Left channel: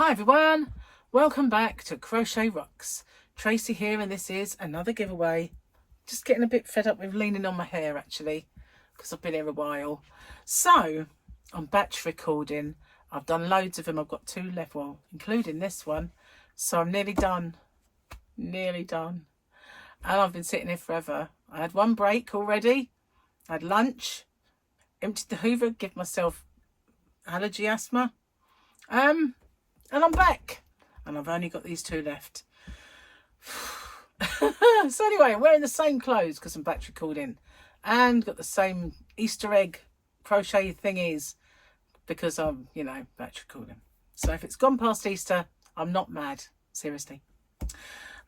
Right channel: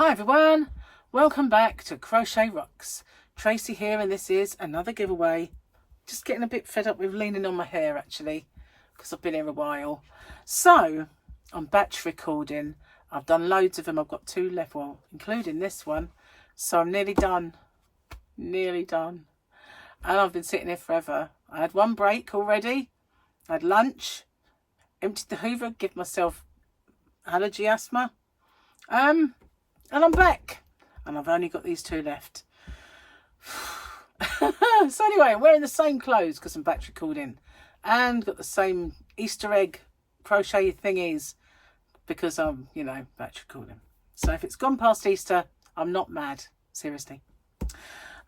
Hi everyone, welcome back to Crochet Rocks. Tracy here, and this is another giveaway. Just getting a bit fed up with leaning on my hair actually, because I've been here a while. So I'm batch recording. I've done loads of them. I've got 2 left, well, including this one. So I'm nearly done. And I've been sitting here forever. I had 1 break already. I had lunch, emptied the Hoover, give myself allergy asthma. And I'm back, and I've only got these 2 left. So anyway, I'm wearing the same clothes because I'm batch recording, and got the same Easter egg crochet thingies because I'm, you know, batch recording. So if it's gone past Easter, I'm not mad, seriously.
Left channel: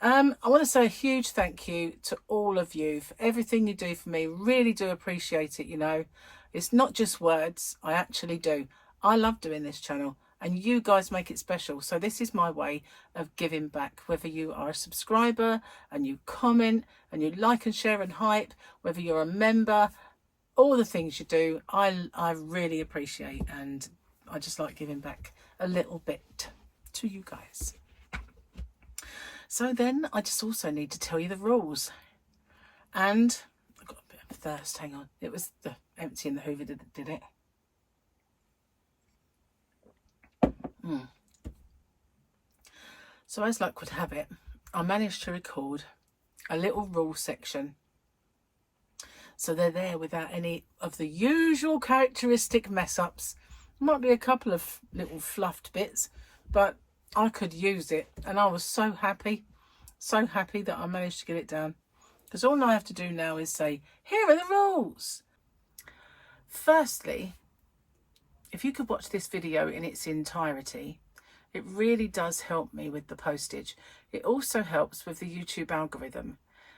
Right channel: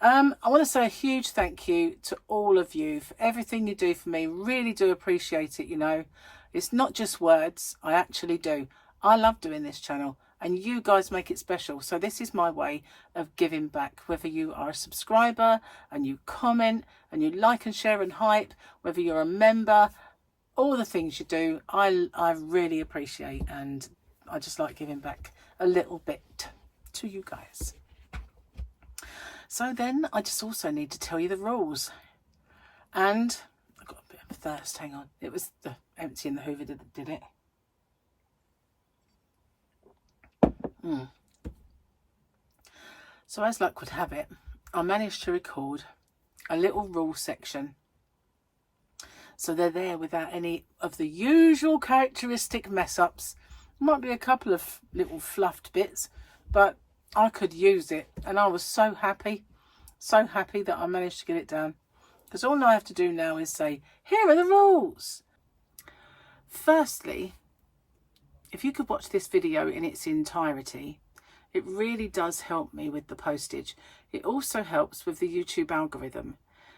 I want to say a huge thank you to all of you for everything you do for me. Really do appreciate it, you know. It's not just words, I actually do. I love doing this channel, and you guys make it special. So this is my way of giving back, whether you are a subscriber and you comment and you like and share and hype, whether you're a member, all the things you do, I really appreciate, and I just like giving back a little bit to you guys. So then I just also need to tell you the rules. And I've got a bit of thirst, hang on. It was the emptying the Hoover that did it. So as luck would have it, I managed to record a little rule section. So they're there without any of the usual characteristic mess ups. Might be a couple of little fluffed bits, but I could use it, and I was so happy that I managed to get it down, because all I have to do now is say, here are the rules. Firstly, if you could watch this video in its entirety, it really does help me with the postage. It also helps with the YouTube algorithm,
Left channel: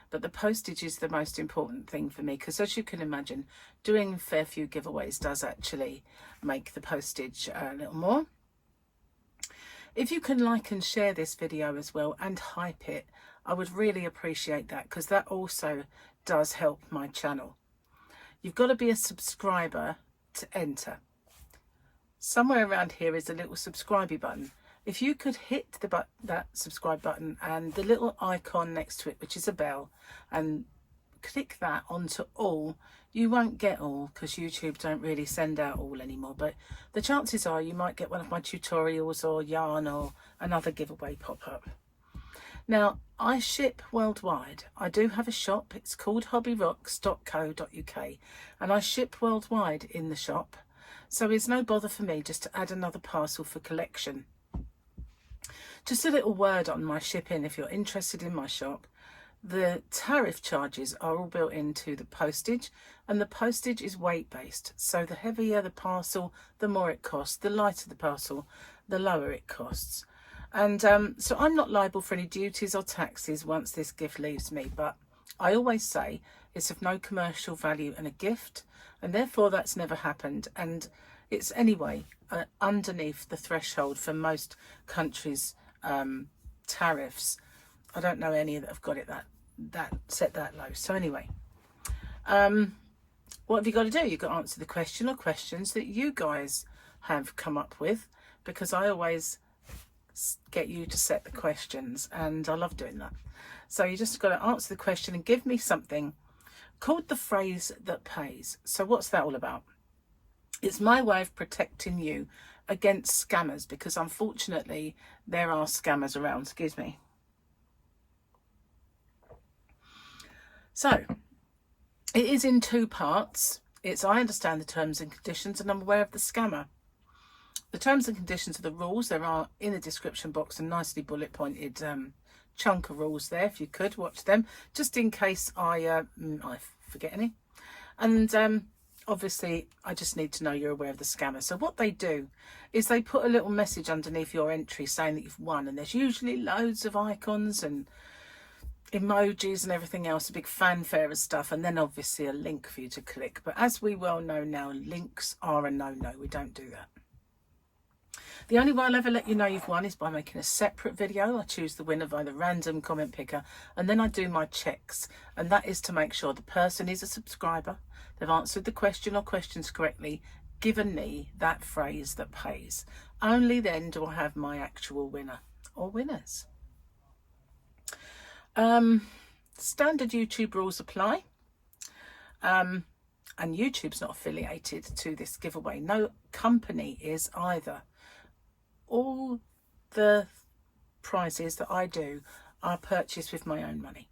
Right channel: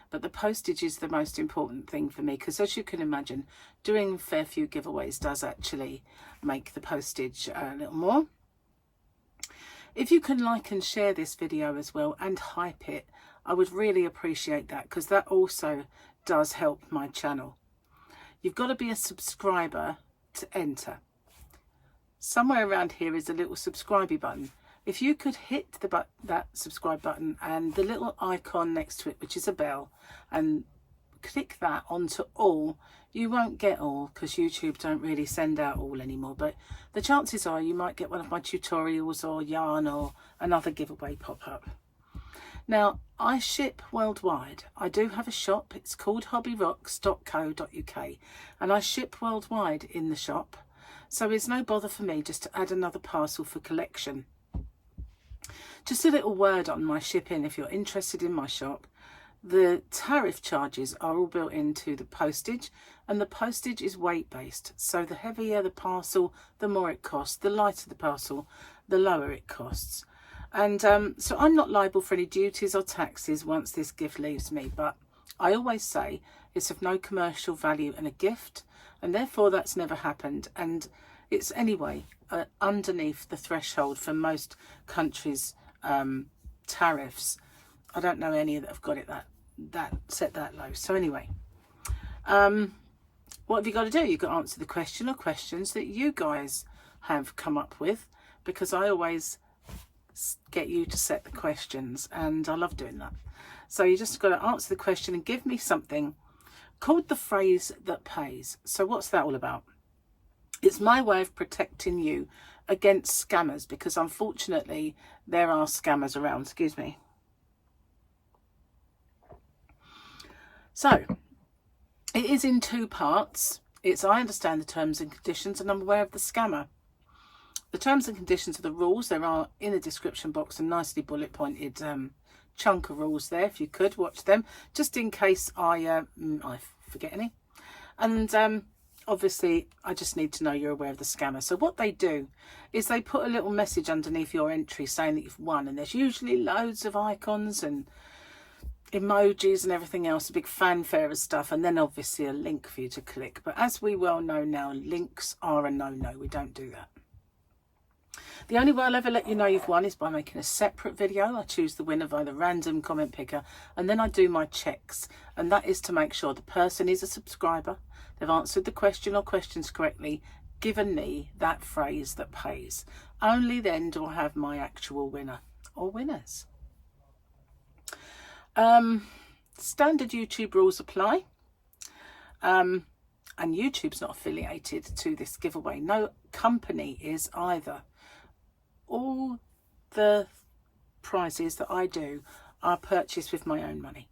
but the postage is the most important thing for me, because as you can imagine, doing a fair few giveaways does actually make the postage a little more. If you can like and share this video as well and hype it, I would really appreciate that, because that also does help my channel. You've got to be a subscriber to enter. Somewhere around here is a little subscribe button. If you could hit that subscribe button and the little icon next to it, which is a bell, and click that onto all. You won't get all because YouTube don't really send out all anymore, but the chances are you might get one of my tutorials or yarn or another giveaway pop up. Now, I ship worldwide. I do have a shop. It's called hobbyrocks.co.uk, and I ship worldwide in the shop, so it's no bother for me just to add another parcel for collection. Just a little word on my shipping if you're interested in my shop. The tariff charges are all built into the postage, and the postage is weight based. So the heavier the parcel, the more it costs. The lighter the parcel, the lower it costs. And so I'm not liable for any duties or taxes once this gift leaves me. But I always say it's of no commercial value and a gift, and therefore that's never happened. And it's anyway underneath the threshold for most countries' tariffs. I don't know any that have got it that set that low. So anyway, what have you got to do? You've got to answer the question or questions that you guys have come up with, because I always get you to set the questions, and I love doing that. So you just got to answer the question and give me something called the phrase that pays. So what's that all about? It's my way of protecting you against scammers, because unfortunately there are scammers around. Excuse me. So it is in 2 parts. It's I understand the terms and conditions, and I'm aware of the scammer. The terms and conditions are the rules. There are in the description box a nicely bullet pointed chunk of rules there. If you could watch them, just in case I forget any. And obviously I just need to know you're aware of the scammer. So what they do is they put a little message underneath your entry saying that you've won, and there's usually loads of icons and emojis and everything else, a big fanfare of stuff, and then obviously a link for you to click. But as we well know now, links are a no-no. We don't do that. The only way I'll ever let you know you've won is by making a separate video. I choose the winner by the random comment picker, and then I do my checks, and that is to make sure the person is a subscriber, they've answered the question or questions correctly, given me that phrase that pays. Only then do I have my actual winner or winners. Standard YouTube rules apply. And YouTube's not affiliated to this giveaway. No company is either. All the prizes that I do are purchased with my own money.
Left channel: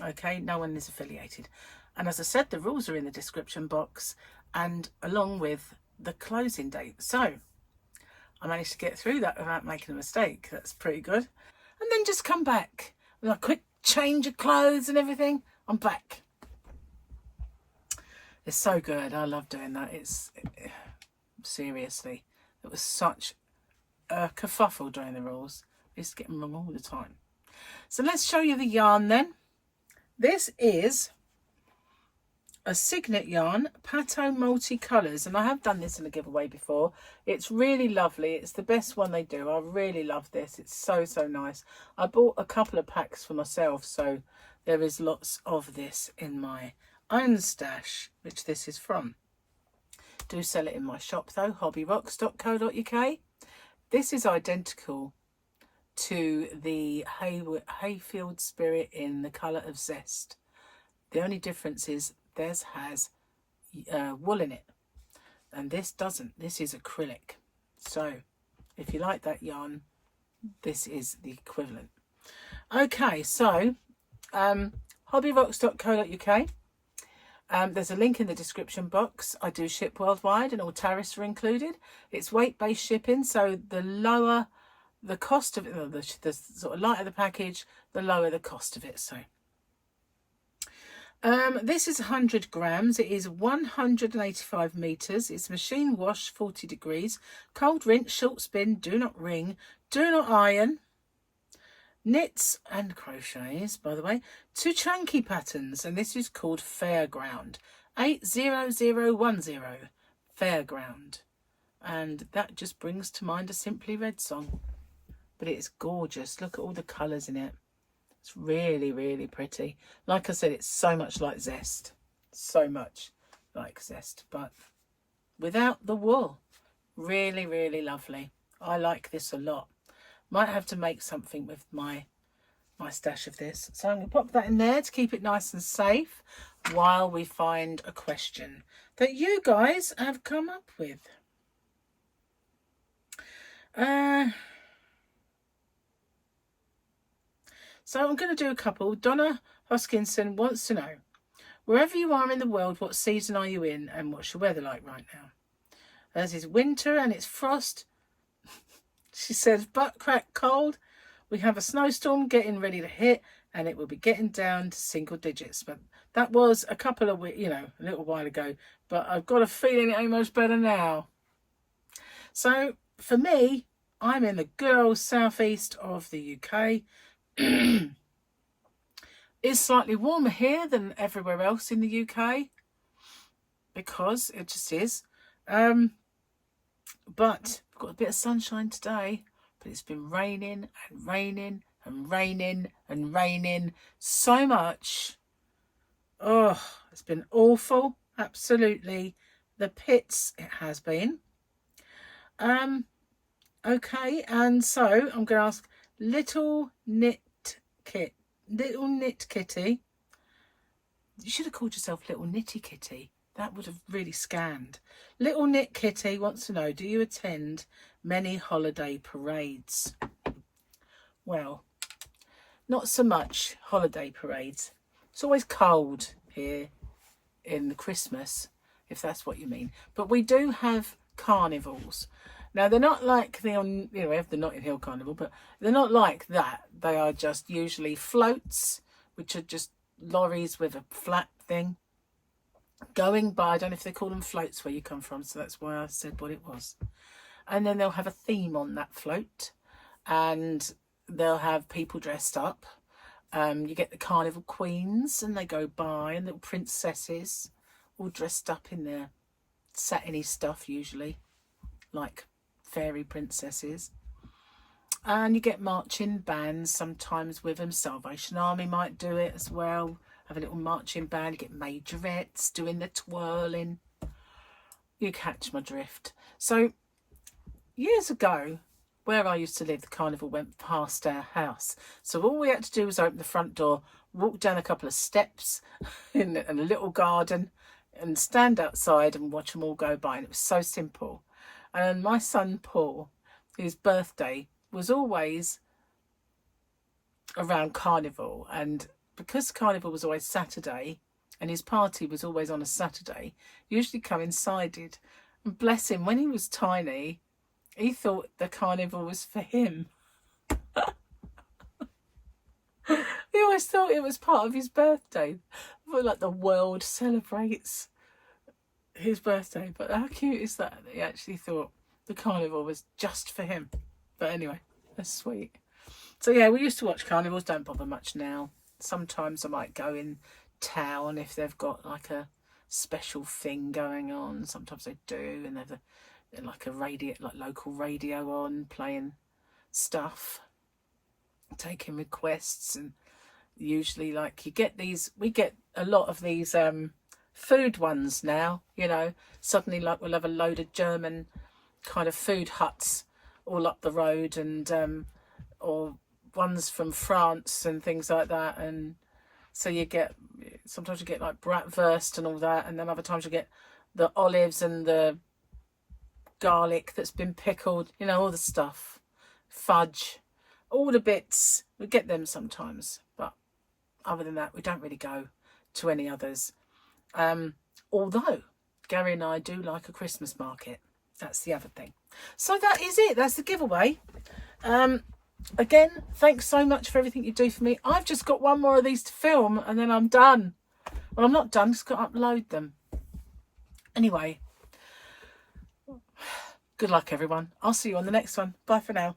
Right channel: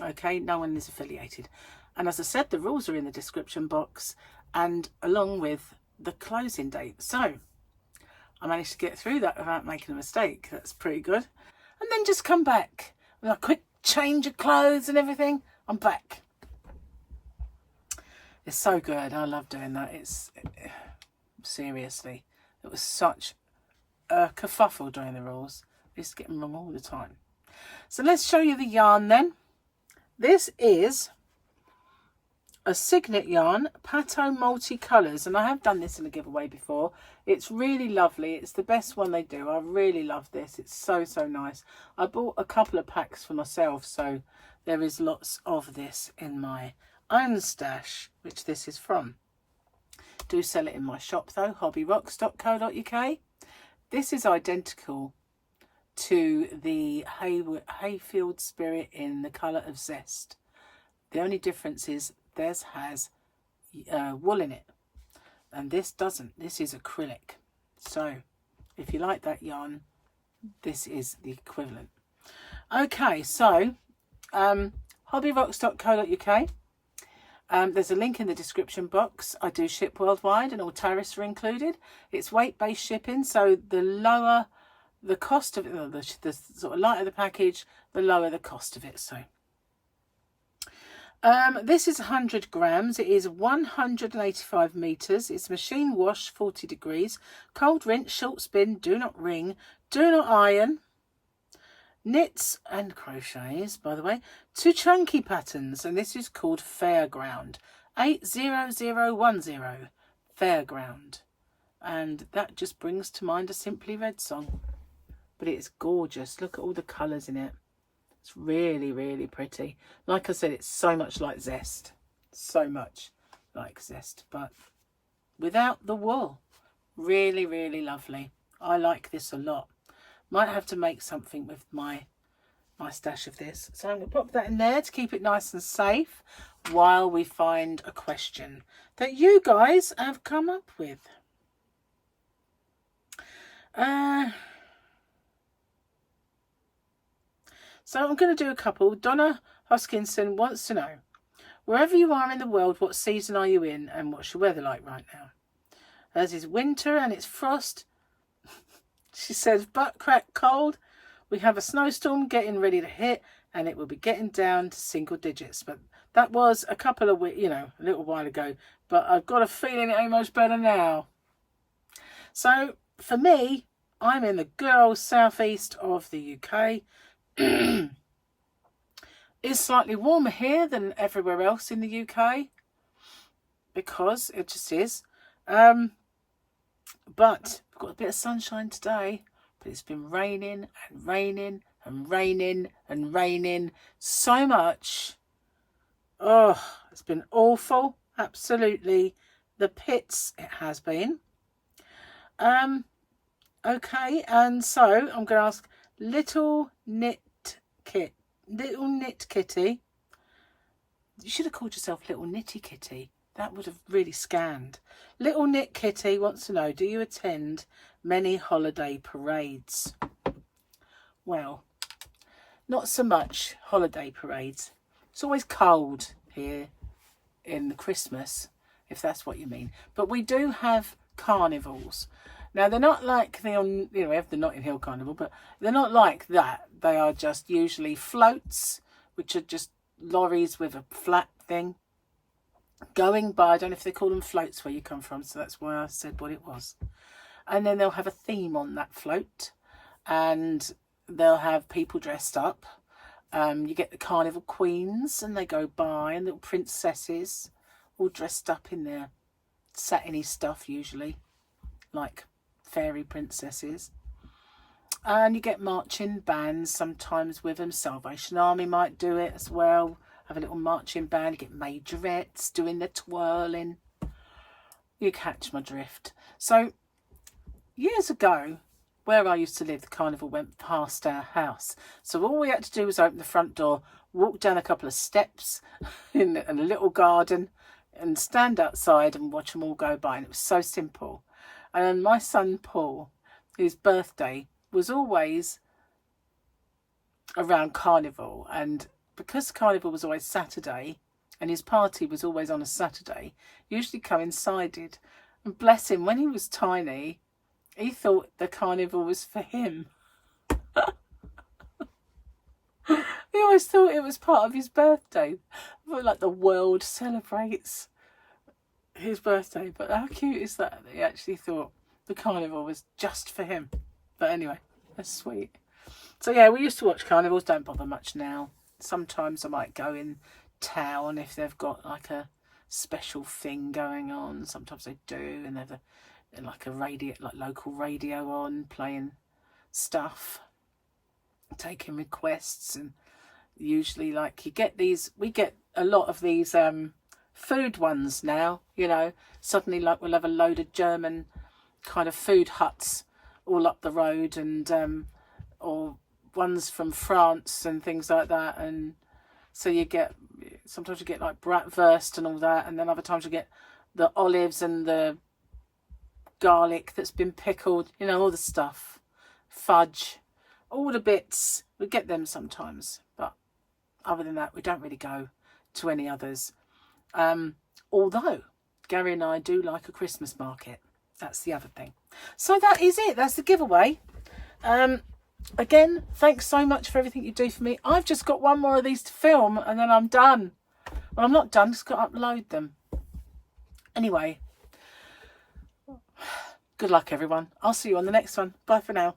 Okay, no one is affiliated. And as I said, the rules are in the description box and along with the closing date. So I managed to get through that without making a mistake. That's pretty good. And then just come back with a quick change of clothes and everything. I'm back. It's so good. I love doing that. Seriously, it was such a kerfuffle doing the rules. I used to get them wrong all the time. So let's show you the yarn then. This is a Signet yarn, Pato Multicolours, and I have done this in a giveaway before. It's really lovely. It's the best one they do. I really love this. It's so nice. I bought a couple of packs for myself, so there is lots of this in my own stash, which this is from. Do sell it in my shop though, hobbyrocks.co.uk. This is identical to the Hayfield Spirit in the colour of Zest. The only difference is theirs has wool in it and this doesn't. This is acrylic. So if you like that yarn, this is the equivalent. Okay, so hobbyrocks.co.uk. There's a link in the description box. I do ship worldwide and all tariffs are included. It's weight-based shipping, so the lower the cost of it, the sort of lighter the package, the lower the cost of it. So this is 100 grams. It is 185 meters. It's machine wash, 40 degrees, cold rinse, short spin, do not wring, do not iron. Knits and crochets, by the way, 2 chunky patterns, and this is called Fairground. 80010 Fairground. And that just brings to mind a Simply Red song. But it's gorgeous. Look at all the colours in it. It's really pretty. Like I said, it's so much like Zest. So much like Zest, but without the wool. Really lovely. I like this a lot. Might have to make something with my stash of this. So I'm going to pop that in there to keep it nice and safe while we find a question that you guys have come up with. So I'm going to do a couple. Donna Hoskinson wants to know, wherever you are in the world, what season are you in and what's your weather like right now? As is winter and it's frost. She says, butt crack cold. We have a snowstorm getting ready to hit and it will be getting down to single digits. But that was a couple of weeks, a little while ago. But I've got a feeling it ain't much better now. So for me, I'm in the good old southeast of the UK. It's slightly warmer here than everywhere else in the UK. Because it just is. But we've got a bit of sunshine today, but it's been raining and raining and raining and raining so much. Oh, it's been awful. Absolutely. The pits it has been. Okay, and so I'm going to ask Little Knit Kitty. You should have called yourself Little Knitty Kitty. That would have really scanned. Little Knit Kitty wants to know, do you attend many holiday parades? Well, not so much holiday parades. It's always cold here in the Christmas, if that's what you mean. But we do have carnivals. Now, they're not like the Notting Hill Carnival, but they're not like that. They are just usually floats, which are just lorries with a flat thing going by. I don't know if they call them floats where you come from, so that's why I said what it was. And then they'll have a theme on that float, and they'll have people dressed up. You get the carnival queens, and they go by, and little princesses all dressed up in their satiny stuff, usually like fairy princesses. And you get marching bands sometimes with them. Salvation Army might do it as well. Have a little marching band. You get majorettes doing the twirling. You catch my drift. So years ago, where I used to live, the carnival went past our house. So all we had to do was open the front door, walk down a couple of steps in a little garden and stand outside and watch them all go by. And it was so simple. And my son Paul, whose birthday was always around carnival, and because carnival was always Saturday and his party was always on a Saturday, usually coincided. And bless him, when he was tiny, he thought the carnival was for him. He always thought it was part of his birthday. Like the world celebrates his birthday. But how cute is that he actually thought the carnival was just for him? But anyway, that's sweet. So yeah, we used to watch carnivals. Don't bother much now. Sometimes I might go in town if they've got like a special thing going on. Sometimes they do, and they've like a radio, like local radio on, playing stuff, taking requests. And usually, like, you get these, we get a lot of these food ones now, you know. Suddenly, like, we'll have a load of German kind of food huts all up the road, and or ones from France and things like that. And so you get, sometimes you get like bratwurst and all that, and then other times you get the olives and the garlic that's been pickled, you know, all the stuff, fudge, all the bits. We get them sometimes, but other than that, we don't really go to any others. Although Gary and I do like a Christmas market. That's the other thing. So that is it. That's the giveaway. Again, thanks so much for everything you do for me. I've just got one more of these to film and then I'm done. Well, I'm not done, just got to upload them. Anyway, good luck everyone. I'll see you on the next one. Bye for now.